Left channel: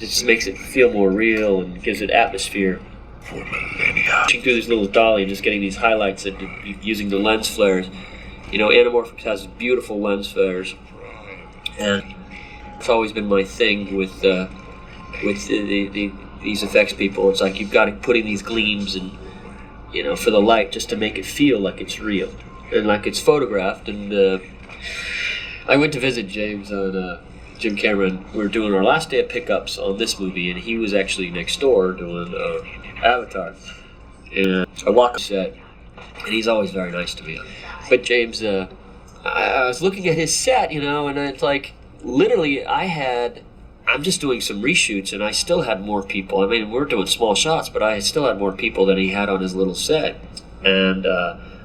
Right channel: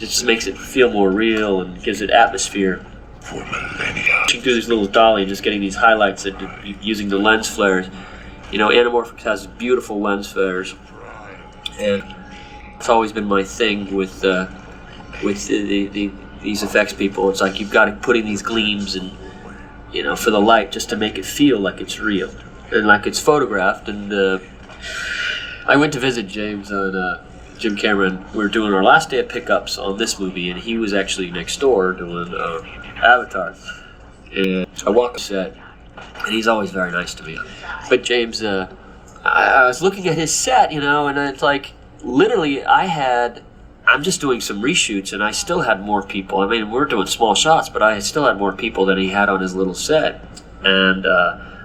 It just makes it feel more real and gives it atmosphere. For millennia. Watching through this little dolly and just getting these highlights and using the lens flares. You know, Anamorphics has beautiful lens flares, and it's always been my thing with these effects people. It's like you've got to put in these gleams and, you know, for the light, just to make it feel like it's real and like it's photographed. And I went to visit James on Jim Cameron. We were doing our last day of pickups on this movie, and he was actually next door doing Avatar. And I walk on set, and he's always very nice to me. But James, I was looking at his set, you know, and it's like, literally, I'm just doing some reshoots, and I still had more people. I mean, we're doing small shots, but I still had more people than he had on his little set. And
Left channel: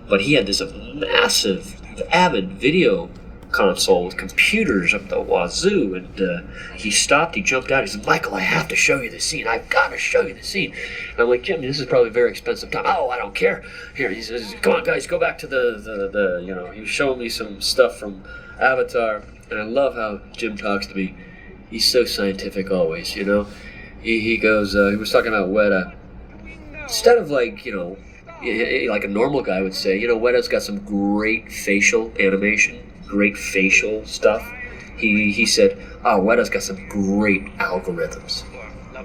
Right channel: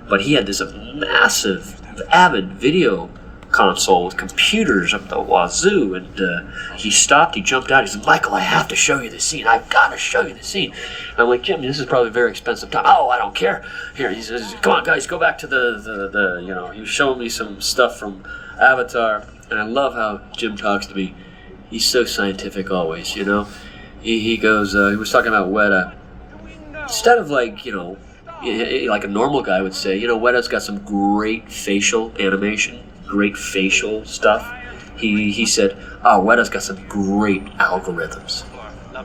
but he had this massive, avid video console with computers up the wazoo, and he stopped, he jumped out, he said, "Michael, I have to show you the scene. I've got to show you the scene." And I'm like, "Jim, this is probably a very expensive time." "Oh, I don't care." Here, he says, "Come on, guys, go back to the you know," he was showing me some stuff from Avatar, and I love how Jim talks to me. He's so scientific always, you know. He goes, he was talking about Weta. Instead of like, you know, like a normal guy would say, you know, Weta's got some great facial animation, great facial stuff. He said, "Oh, Weta's got some great algorithms."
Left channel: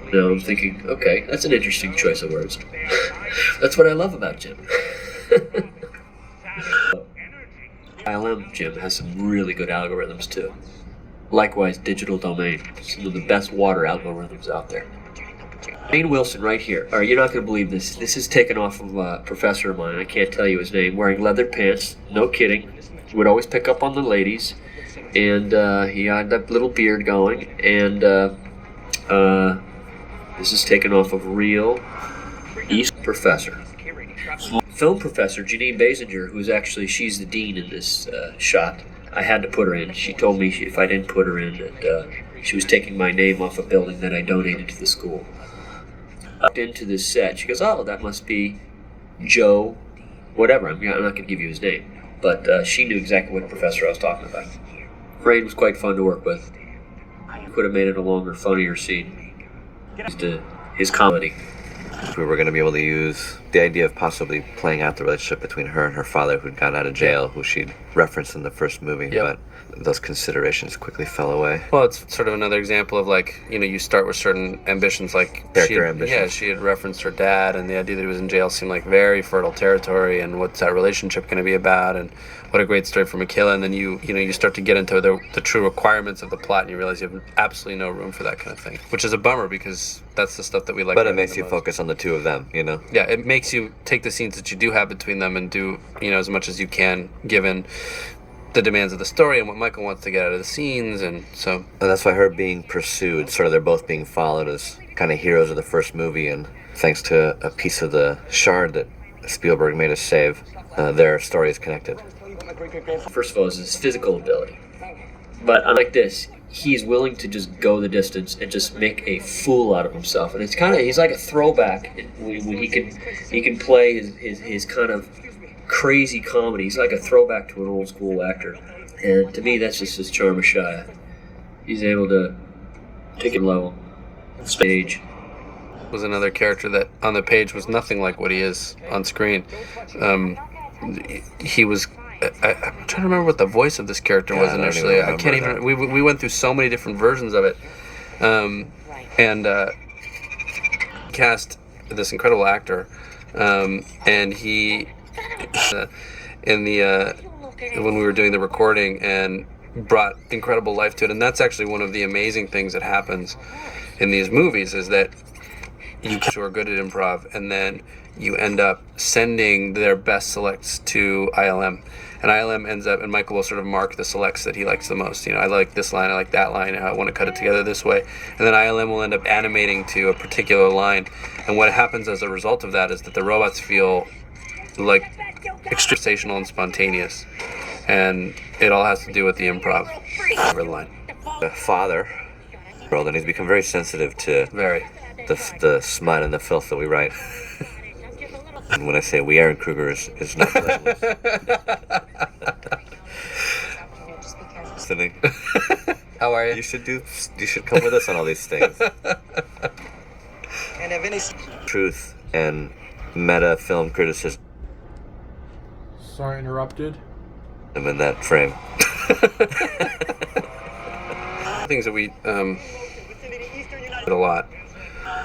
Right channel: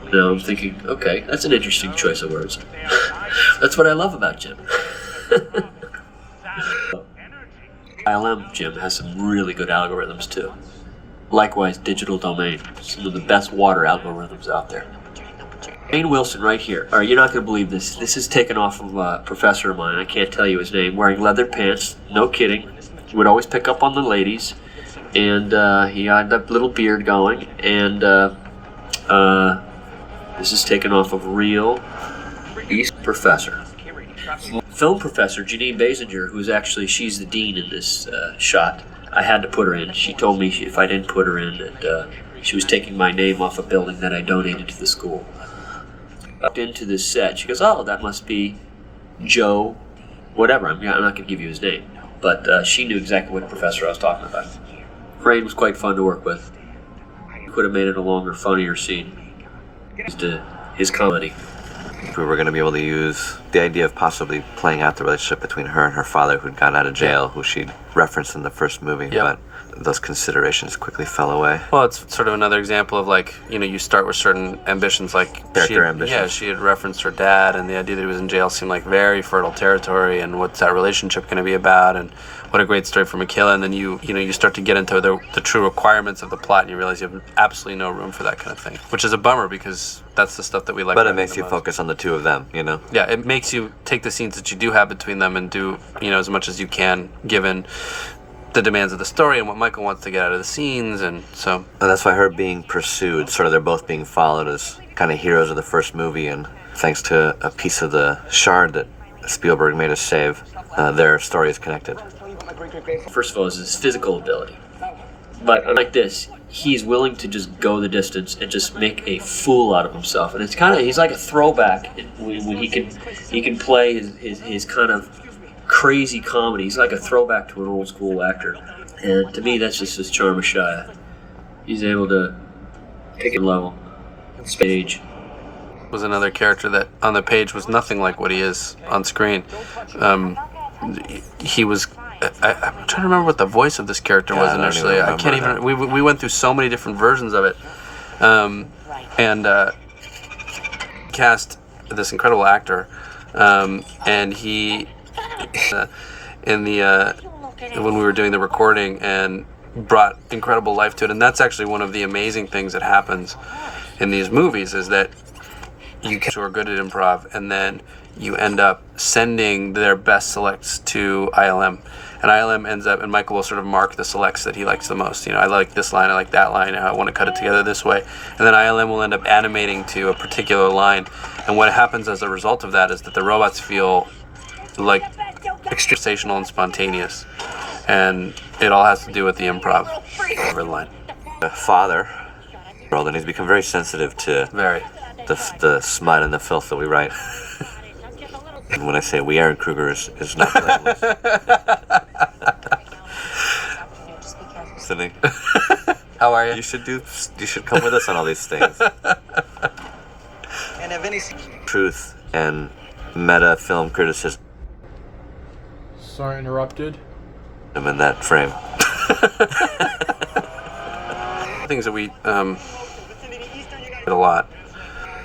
You know, I'm thinking, okay, that's an interesting choice of words. That's what I love about Jim. ILM, Jim, has some really good algorithms too. Likewise, Digital Domain, some of the best water algorithms out there. Wayne Wilson right here. All right, you're not going to believe this. This is taken off of a professor of mine. I can't tell you his name. Wearing leather pants, no kidding. He would always pick up on the ladies, and he had that little beard going. And this is taken off of real East professor. Film professor Janine Basinger, who's actually, she's the dean in this shot. I had to put her in. She told me if I didn't put her in, that she was taking my name off a building that I donated to the school. I walked into this set. She goes, "Oh, that must be Joe, whatever." I'm not going to give you his name. But she knew exactly what professor I was talking about. Rain was quite fun to work with. Could have made it a longer, funnier scene. His comedy. If we were going to be able to use the idea of possibly playing out the relationship between her and her father, who'd gotten out of jail, who she'd referenced in the first movie, but those considerations quickly fell away. Well, it's sort of another example of, like, you know, you start with certain ambitions, like character ambitions. Yeah, she had referenced her dad, and the idea that he was in jail seemed like very fertile territory, and what's that relationship going to be about, and what a great story for Michaela. And then you start to get into the true requirements of the plot, and you realize you have absolutely no room for that kind of thing, which is a bummer because that's the stuff that we like. But it makes you focus on the two of them, you know? Yeah, it makes you take the scenes that you do have between them and do, you know, as much as you can, given the demands of the story and what Michael wants to get out of the scenes. And so, and that's why her being pursued, sort of they're both being followed as kind of heroes of the first movie, and thanks to a piece of the shard that Spielberg made us save, their story is connected. First of all, is his physical ability. But unlike this, he's willing to just go the distance and just make a fool out of himself. And it's kind of, he's like a throwback when he can play his kind of crazy comedy. He's like a throwback to an old school actor. And to me, that's just his charm of Shia. He's able to take a level, stage. Was another character that on the page was nothing like what he is on screen. He was. I'm trying to remember what the voice of this character was initially. I can't even. We went through so many different versions of it, and cast this incredible actor, and he in the when we were doing the recording, and brought incredible life to it. And that's actually one of the amazing things that happens in these movies, is that you are good at improv, and then you end up sending their best selects to ILM. And ILM ends up, and Michael will sort of mark the selects that he likes the most. You know, I like this line, I like that line, I want to cut it together this way. And then ILM will end up animating to a particular line. And what happens as a result of that is that the robots feel like extremely sensational and spontaneous. And it all has to do with the improv over the line. The father, and he's become very sensitive to the smut and the filth that we write. And when I say we, Aaron Kruger is not blameless. Listening. How are you? You should come with us on all these things. And if any Truth and meta film criticism Sorry, interrupted. in that frame. Things that we did a lot.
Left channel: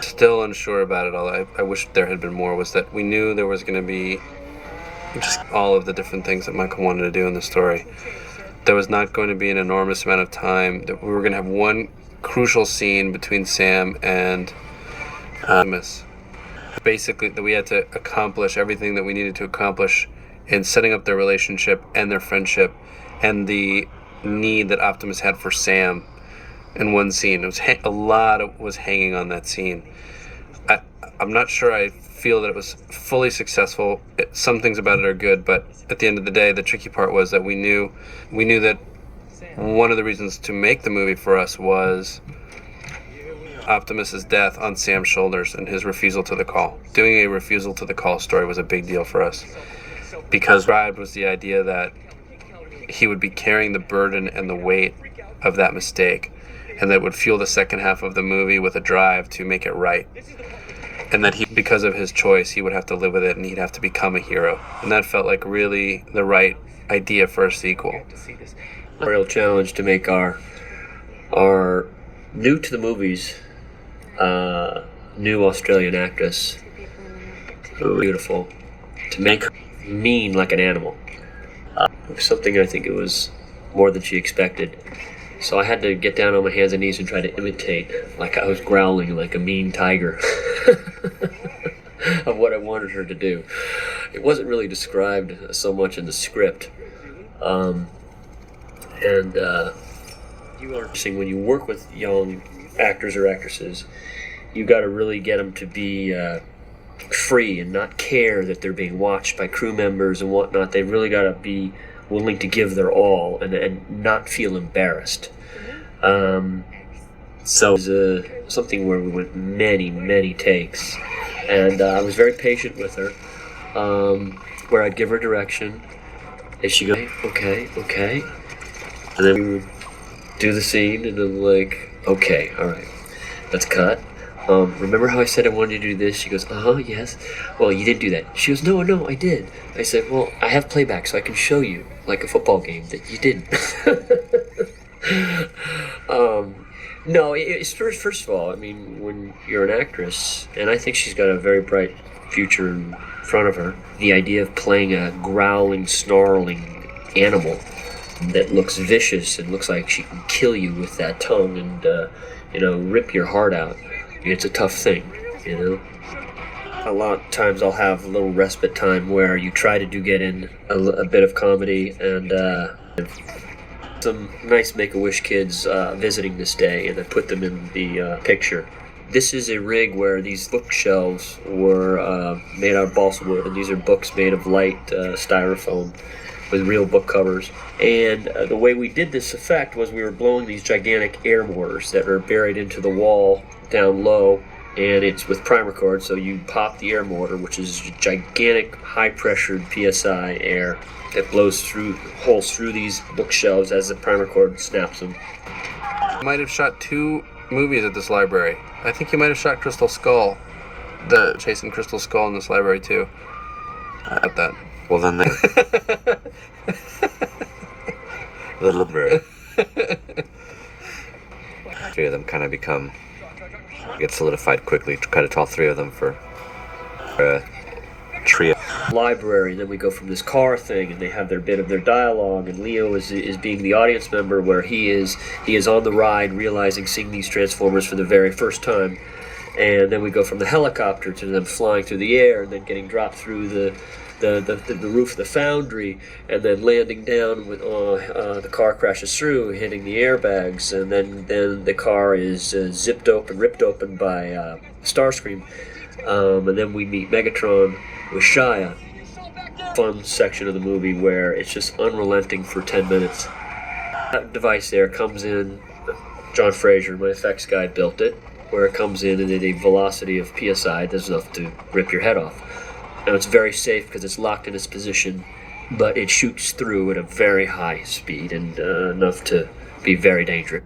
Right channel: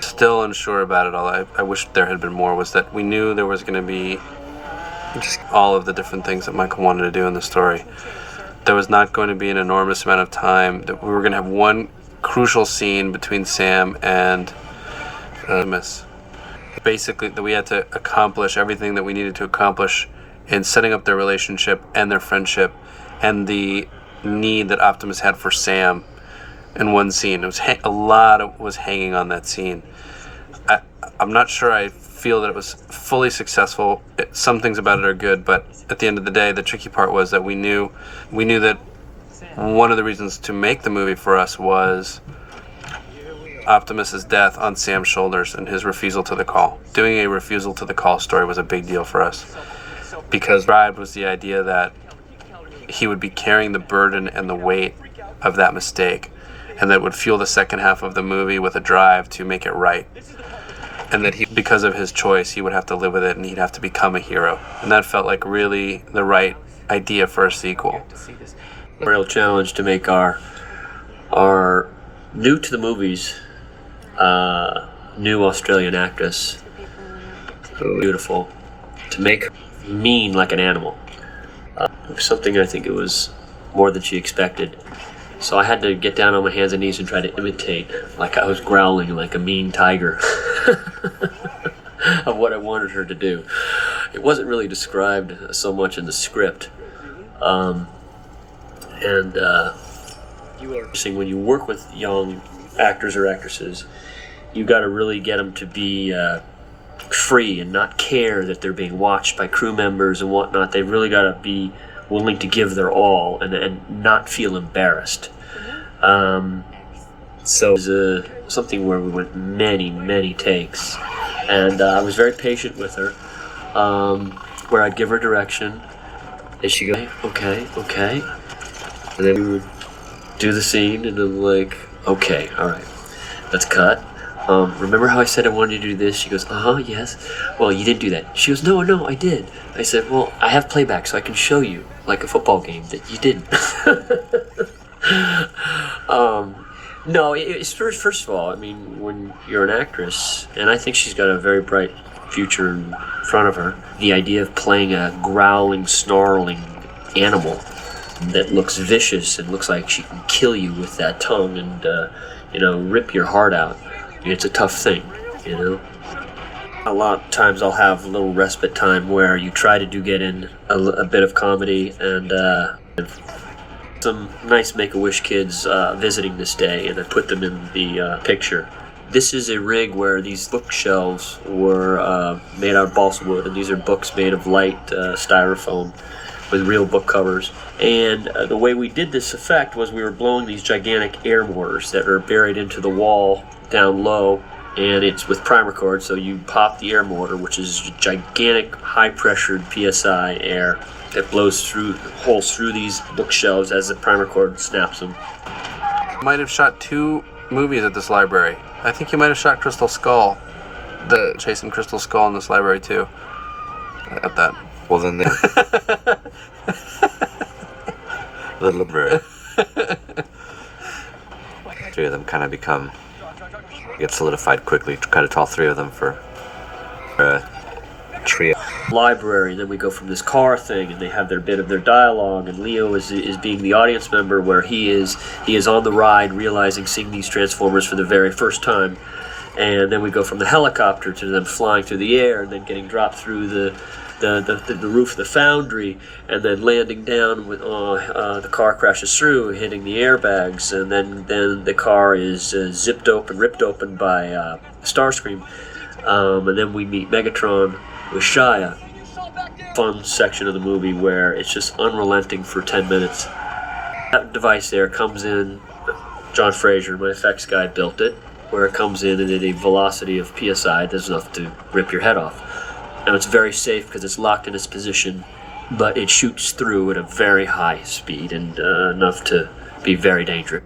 Still unsure about it all. I wish there had been more. Was that we knew there was going to be just all of the different things that Michael wanted to do in the story. There was not going to be an enormous amount of time. That we were going to have one crucial scene between Sam and Miss. Basically, that we had to accomplish everything that we needed to accomplish in setting up their relationship and their friendship, and the need that Optimus had for Sam in one scene. It was a lot was hanging on that scene. I'm not sure I feel that it was fully successful. Some things about it are good, but at the end of the day, the tricky part was that we knew that one of the reasons to make the movie for us was Optimus's death on Sam's shoulders and his refusal to the call. Doing a refusal to the call story was a big deal for us, because Ride was the idea that he would be carrying the burden and the weight of that mistake, and that would fuel the second half of the movie with a drive to make it right. And that because of his choice, he would have to live with it and he'd have to become a hero. And that felt like really the right idea for a sequel. A real challenge to make our new to the movies, new Australian actress, beautiful, to make her mean like an animal. It was something I think it was more than she expected. So I had to get down on my hands and knees and try to imitate, like I was growling like a mean tiger, of what I wanted her to do. It wasn't really described so much in the script. When you work with young actors or actresses, you got to really get them to be free and not care that they're being watched by crew members and whatnot. They really got to be willing to give their all and not feel embarrassed. So it was something where we went many takes, and I was very patient with her, where I'd give her direction and she'd go, okay, and then we would do the scene, and I'm like, okay, all right, let's cut. Remember how I said I wanted you to do this? She goes, yes. Well, you didn't do that. She goes, no, I did. I said, well, I have playback, so I can show you, like a football game, that you didn't. No, it's first of all, I mean, when you're an actress, and I think she's got a very bright future in front of her, the idea of playing a growling, snarling animal that looks vicious and looks like she can kill you with that tongue and, rip your heart out. It's a tough thing, A lot of times I'll have a little respite time where you try to get in a bit of comedy, and some nice Make-A-Wish kids visiting this day, and I put them in the picture. This is a rig where these bookshelves were made out of balsa wood, and these are books made of light styrofoam with real book covers. And the way we did this effect was we were blowing these gigantic air mortars that are buried into the wall down low, and it's with primer cord, so you pop the air mortar, which is gigantic high-pressured PSI air that blows through holes through these bookshelves as the primer cord snaps them. You might have shot 2 movies at this library. I think you might have shot Crystal Skull, the Chasing Crystal Skull in this library too. At that. Well, then the library. 3 of them kind of get solidified quickly. Kind of all 3 of them for a trio. Library, and then we go from this car thing, and they have their bit of their dialogue, and Leo is being the audience member, where he is on the ride, seeing these Transformers for the very first time, and then we go from the helicopter to them flying through the air, and then getting dropped through the roof of the foundry, and then landing down with the car crashes through, hitting the airbags, and then the car is ripped open by Starscream, and then we meet Megatron with Shia. Fun section of the movie where it's just unrelenting for 10 minutes. That device there comes in, John Fraser, my effects guy, built it, where it comes in and at a velocity of PSI that's enough to rip your head off. Now it's very safe because it's locked in its position, but it shoots through at a very high speed and enough to be very dangerous.